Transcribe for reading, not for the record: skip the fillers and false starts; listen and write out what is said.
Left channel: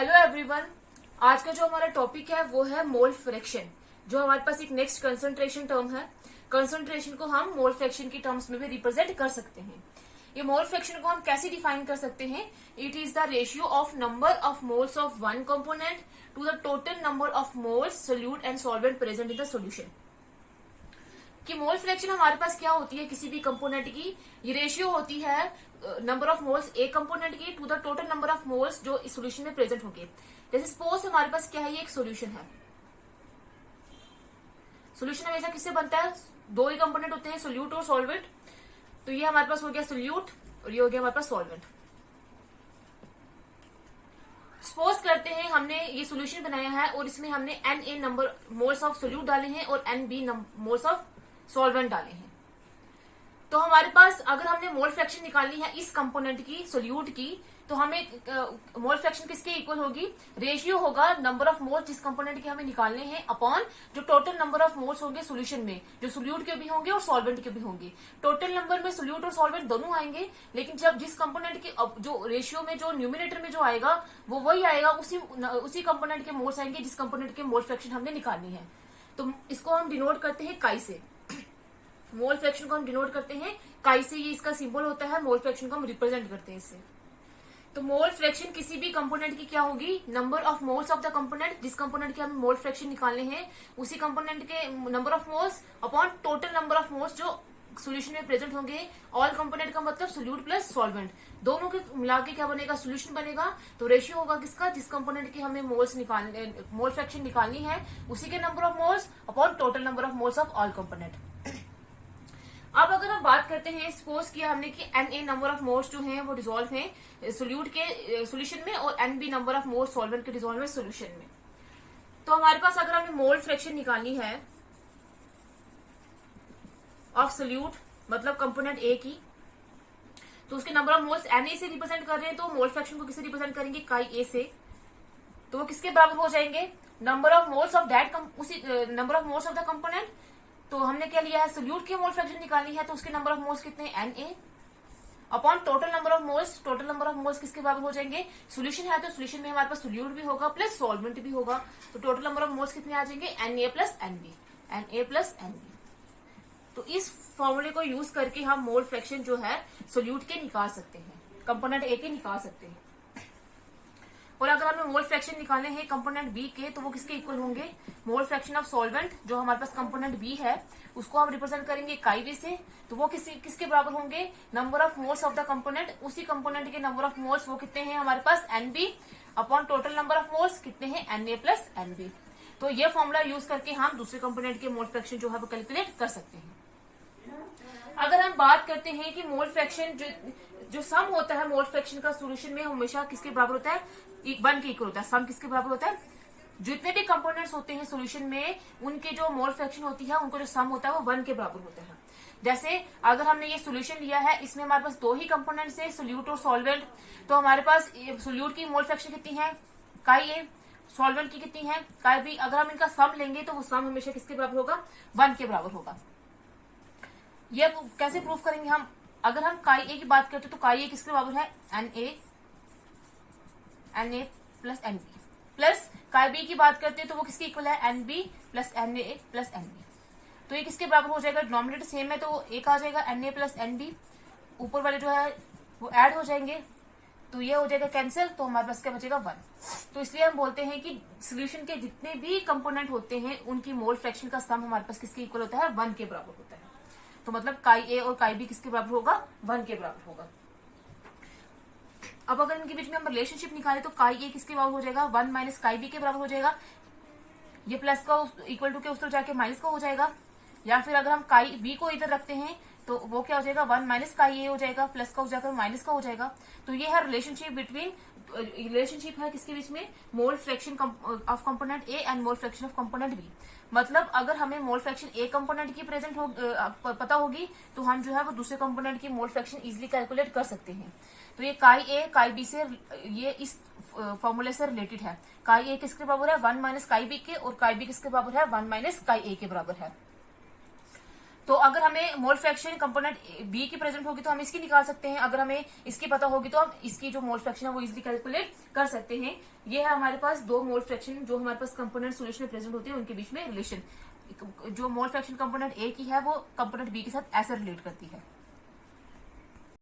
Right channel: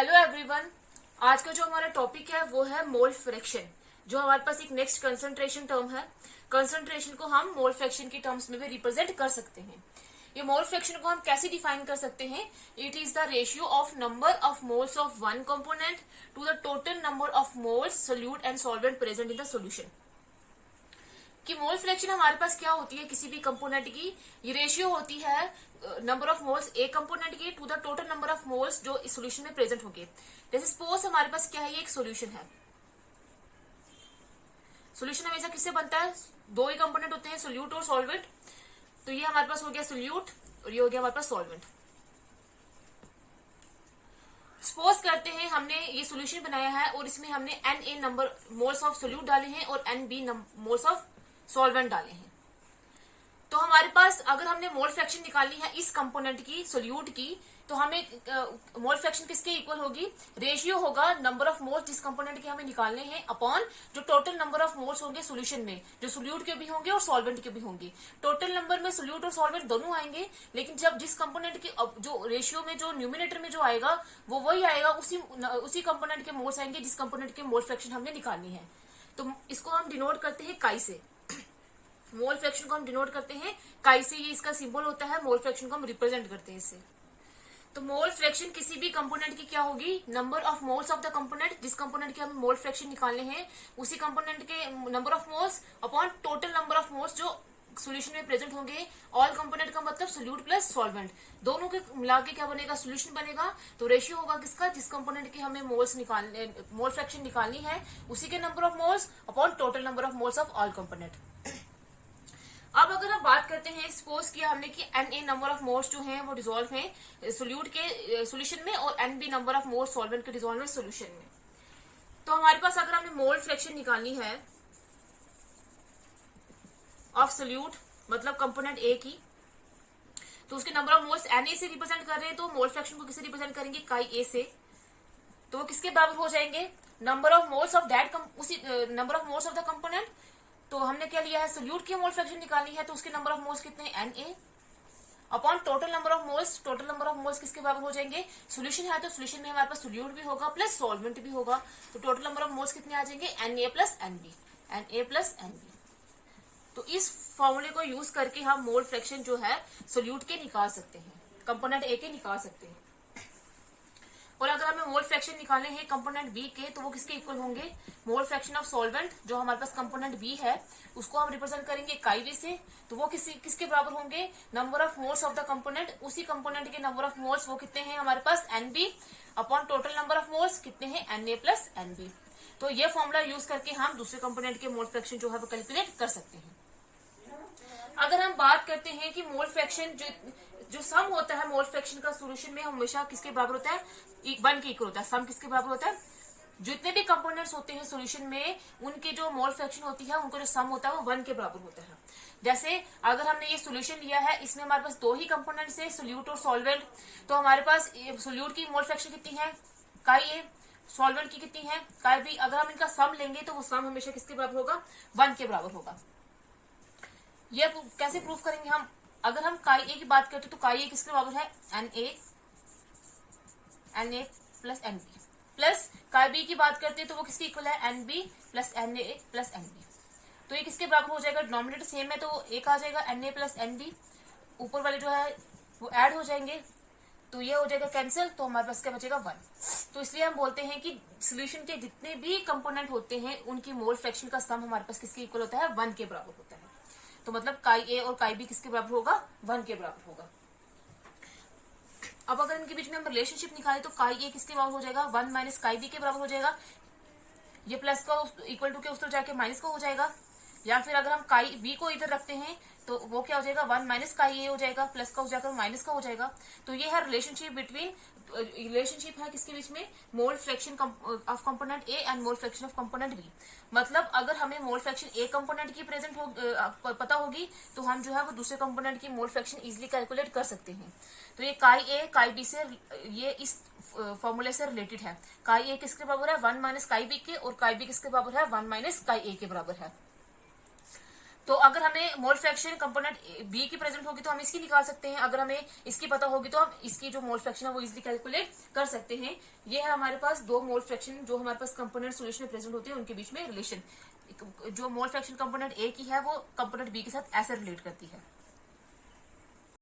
Hello everyone. आज का जो हमारा टॉपिक है वो है मोल फ्रैक्शन, जो हमारे पास एक नेक्स्ट कंसंट्रेशन टर्म है। कंसंट्रेशन को हम मोल फ्रैक्शन की टर्म्स में भी रिप्रेजेंट कर सकते हैं। ये मोल फ्रैक्शन को हम कैसे डिफाइन कर सकते हैं? It is the ratio of number of moles of one component to the total number of moles solute and solvent present in the solution. कि मोल फ्रैक्शन हमारे पास क्या होती है किसी भी कंपोनेंट की, ये रेशियो होती है नंबर ऑफ मोल्स एक कंपोनेंट की to the total number of moles जो इस सोल्यूशन में प्रेजेंट होंगे। जैसे सपोज हमारे पास क्या है, ये एक सोल्यूशन है। सोल्यूशन हमेशा किससे बनता है? दो ही कंपोनेंट होते हैं, सोल्यूट और सॉल्वेंट। तो ये हमारे पास हो गया सोल्यूट और ये हो गया हमारे पास सॉल्वेंट। सपोज करते हैं हमने ये सोल्यूशन बनाया है और इसमें हमने Na number moles of solute डाले हैं और Nb मोल्स ऑफ सॉल्वेंट डाले हैं। तो हमारे पास अगर हमने मोल फ्रैक्शन निकालनी है इस कंपोनेंट की, सोल्यूट की, तो हमें मोल फ्रैक्शन किसके इक्वल होगी? रेशियो होगा नंबर ऑफ मोल्स जिस कंपोनेंट के हमें निकालने हैं अपॉन जो टोटल नंबर ऑफ मोल्स होंगे सोल्यूशन में, जो सोल्यूट के भी होंगे और सॉल्वेंट के भी होंगे। टोटल नंबर में सोल्यूट और सॉल्वेंट दोनों आएंगे, लेकिन जब जिस कंपोनेंट के जो रेशियो में जो न्यूमिनेटर में जो आएगा वो वही आएगा, उसी कंपोनेंट के मोल्स आएंगे जिस कंपोनेंट के मोल फ्रैक्शन हमने निकालनी है। तो इसको हम डिनोट करते हैं काई से। मोल फ्रैक्शन को हम डिनोट करते हैं काई से, ये इसका सिंबल होता है। मोल फ्रैक्शन को हम रिप्रेजेंट करते हैं इससे। तो मोल फ्रैक्शन किसी भी कंपोनेंट की क्या होगी? Number of moles of the component, जिस कंपोनेंट के हमें मोल फ्रैक्शन निकालने हैं उसी कंपोनेंट के number of moles upon total number of moles जो सोल्यूशन में प्रेजेंट होंगे। ऑल कंपोनेंट का मतलब सोल्यूट प्लस सॉल्वेंट, दोनों के मिला के क्या बनेगा? सोल्यूशन बनेगा। तो रेशियो होगा किसका? जिस कंपोनेंट की हमें मोल फ्रैक्शन निकालनी है उसी के number of moles upon total number of moles of all component. अब अगर हम बात करते हैं, सपोज किया हमने कि Na नंबर ऑफ मोल्स जो हैं वो डिसॉल्व हैं सोल्यूट के सोल्यूशन में और Nb number of moles solvent के डिसॉल्व में सोल्यूशन में। तो हमारे पास अगर हमें मोल फ्रैक्शन निकालनी है ऑफ सोल्यूट मतलब कंपोनेंट ए की, तो उसके नंबर ऑफ मोल्स Na से रिप्रेजेंट कर रहे हैं, तो मोल फ्रैक्शन को किससे रिप्रेजेंट करेंगे? काई ए से। तो वो किसके बराबर हो जाएंगे? Number of moles of that उसी number of moles of the component. तो हमने क्या लिया है? सोल्यूट की मोल फ्रैक्शन निकालनी है, तो उसके नंबर ऑफ मोल्स कितने हैं? Na upon total number of moles. Total number of moles किसके बराबर हो जाएंगे? सोल्यूशन है तो सोल्यूशन में हमारे पास सोल्यूट भी होगा प्लस सॉल्वेंट भी होगा। तो टोटल नंबर ऑफ मोल्स कितने आ जाएंगे? Na plus Nb, Na plus Nb। तो इस फॉर्मूले को यूज करके हम मोल फ्रैक्शन जो है सोल्यूट के निकाल सकते हैं, कंपोनेंट ए के निकाल सकते हैं। और अगर हमें मोल फ्रैक्शन निकालने हैं कंपोनेंट बी के, तो वो किसके इक्वल होंगे? मोल फ्रैक्शन ऑफ सॉल्वेंट जो हमारे पास कंपोनेंट बी है उसको हम रिप्रेजेंट करेंगे काई बी से। तो वो किसके बराबर होंगे? Number of moles of the component, उसी कंपोनेंट के नंबर ऑफ मोल्स वो कितने हैं हमारे पास? Nb upon total number of moles कितने हैं? Na plus Nb। तो ये फॉर्मूला यूज करके हम दूसरे कंपोनेंट के मोल फ्रैक्शन जो है वो कैलकुलेट कर सकते हैं। अगर हम बात करते हैं कि मोल फ्रैक्शन जो सम होता है मोल फ्रैक्शन का सोल्यूशन में हमेशा किसके बराबर होता है? 1 के इक्वल होता है। सम किसके बराबर होता है? जितने भी कंपोनेंट्स होते हैं सोल्यूशन में उनके जो मोल फ्रैक्शन होती है उनको जो सम होता है वो 1 के बराबर होता है। जैसे अगर हमने ये सोल्यूशन लिया है, इसमें हमारे पास दो ही कंपोनेंट्स है, सोल्यूट और सॉल्वेंट। तो हमारे पास सोल्यूट की मोल फ्रैक्शन कितनी है? काई ए। सॉल्वेंट की कितनी है? काई बी। अगर हम इनका सम लेंगे तो वो सम हमेशा किसके बराबर होगा? 1 के बराबर होगा। ये कैसे प्रूफ करेंगे हम? अगर हम काई ए की बात करते तो काई ए किसके बराबर है? Na plus Nb। Plus chi b की बात करते हैं तो वो किसके इक्वल है? Nb plus Na plus Nb। तो ये किसके बराबर हो जाएगा? डिनोमिनेटर सेम है तो एक आ जाएगा Na प्लस Nb, ऊपर वाले जो है वो ऐड हो जाएंगे तो ये हो जाएगा कैंसिल, तो हमारे पास क्या बचेगा? 1। तो इसलिए हम बोलते हैं कि सोल्यूशन के जितने भी कंपोनेंट होते हैं उनकी मोल फ्रैक्शन का सम हमारे पास किसके इक्वल होता है? 1 के बराबर होता है। तो मतलब काई ए और काई बी किसके बराबर होगा? 1 के बराबर होगा। अब अगर इनके बीच में हम रिलेशनशिप निकालें तो काई ए किसके बराबर हो जाएगा? 1 माइनस काई बी के बराबर हो जाएगा। ये प्लस का इक्वल टू के उस तरफ जाके माइनस का हो जाएगा। या फिर अगर हम काई बी को इधर रखते हैं तो वो क्या हो जाएगा? 1 माइनस काई ए हो जाएगा, प्लस का हो जाकर माइनस का हो जाएगा। तो ये है रिलेशनशिप है किसके बीच में? Mole fraction of component a and mole fraction of component b. मतलब अगर हमें मोल फ्रैक्शन ए कंपोनेंट की प्रेजेंट पता होगी तो हम जो है वो दूसरे कंपोनेंट की मोल फ्रैक्शन इजीली कैलकुलेट कर सकते हैं। तो ये काई ए काई बी से ये इस फॉर्मूले से रिलेटेड है। काई ए किसके बराबर है? 1 माइनस काई बी के, और काई बी किसके बराबर है? 1 माइनस काई ए के बराबर है। तो अगर हमें मोल फ्रैक्शन कंपोनेंट बी की प्रेजेंट होगी तो हम इसकी निकाल सकते हैं, अगर हमें इसकी पता होगी तो हम इसकी जो मोल फ्रैक्शन है वो इजिली कैलकुलेट कर सकते हैं। ये है हमारे पास दो मोल फ्रैक्शन जो हमारे पास कंपोनेंट सोल्यूशन में प्रेजेंट होती है, उनके बीच में रिलेशन। जो मोल फ्रैक्शन कंपोनेंट ए की है वो कंपोनेंट बी के साथ ऐसे रिलेट करती है।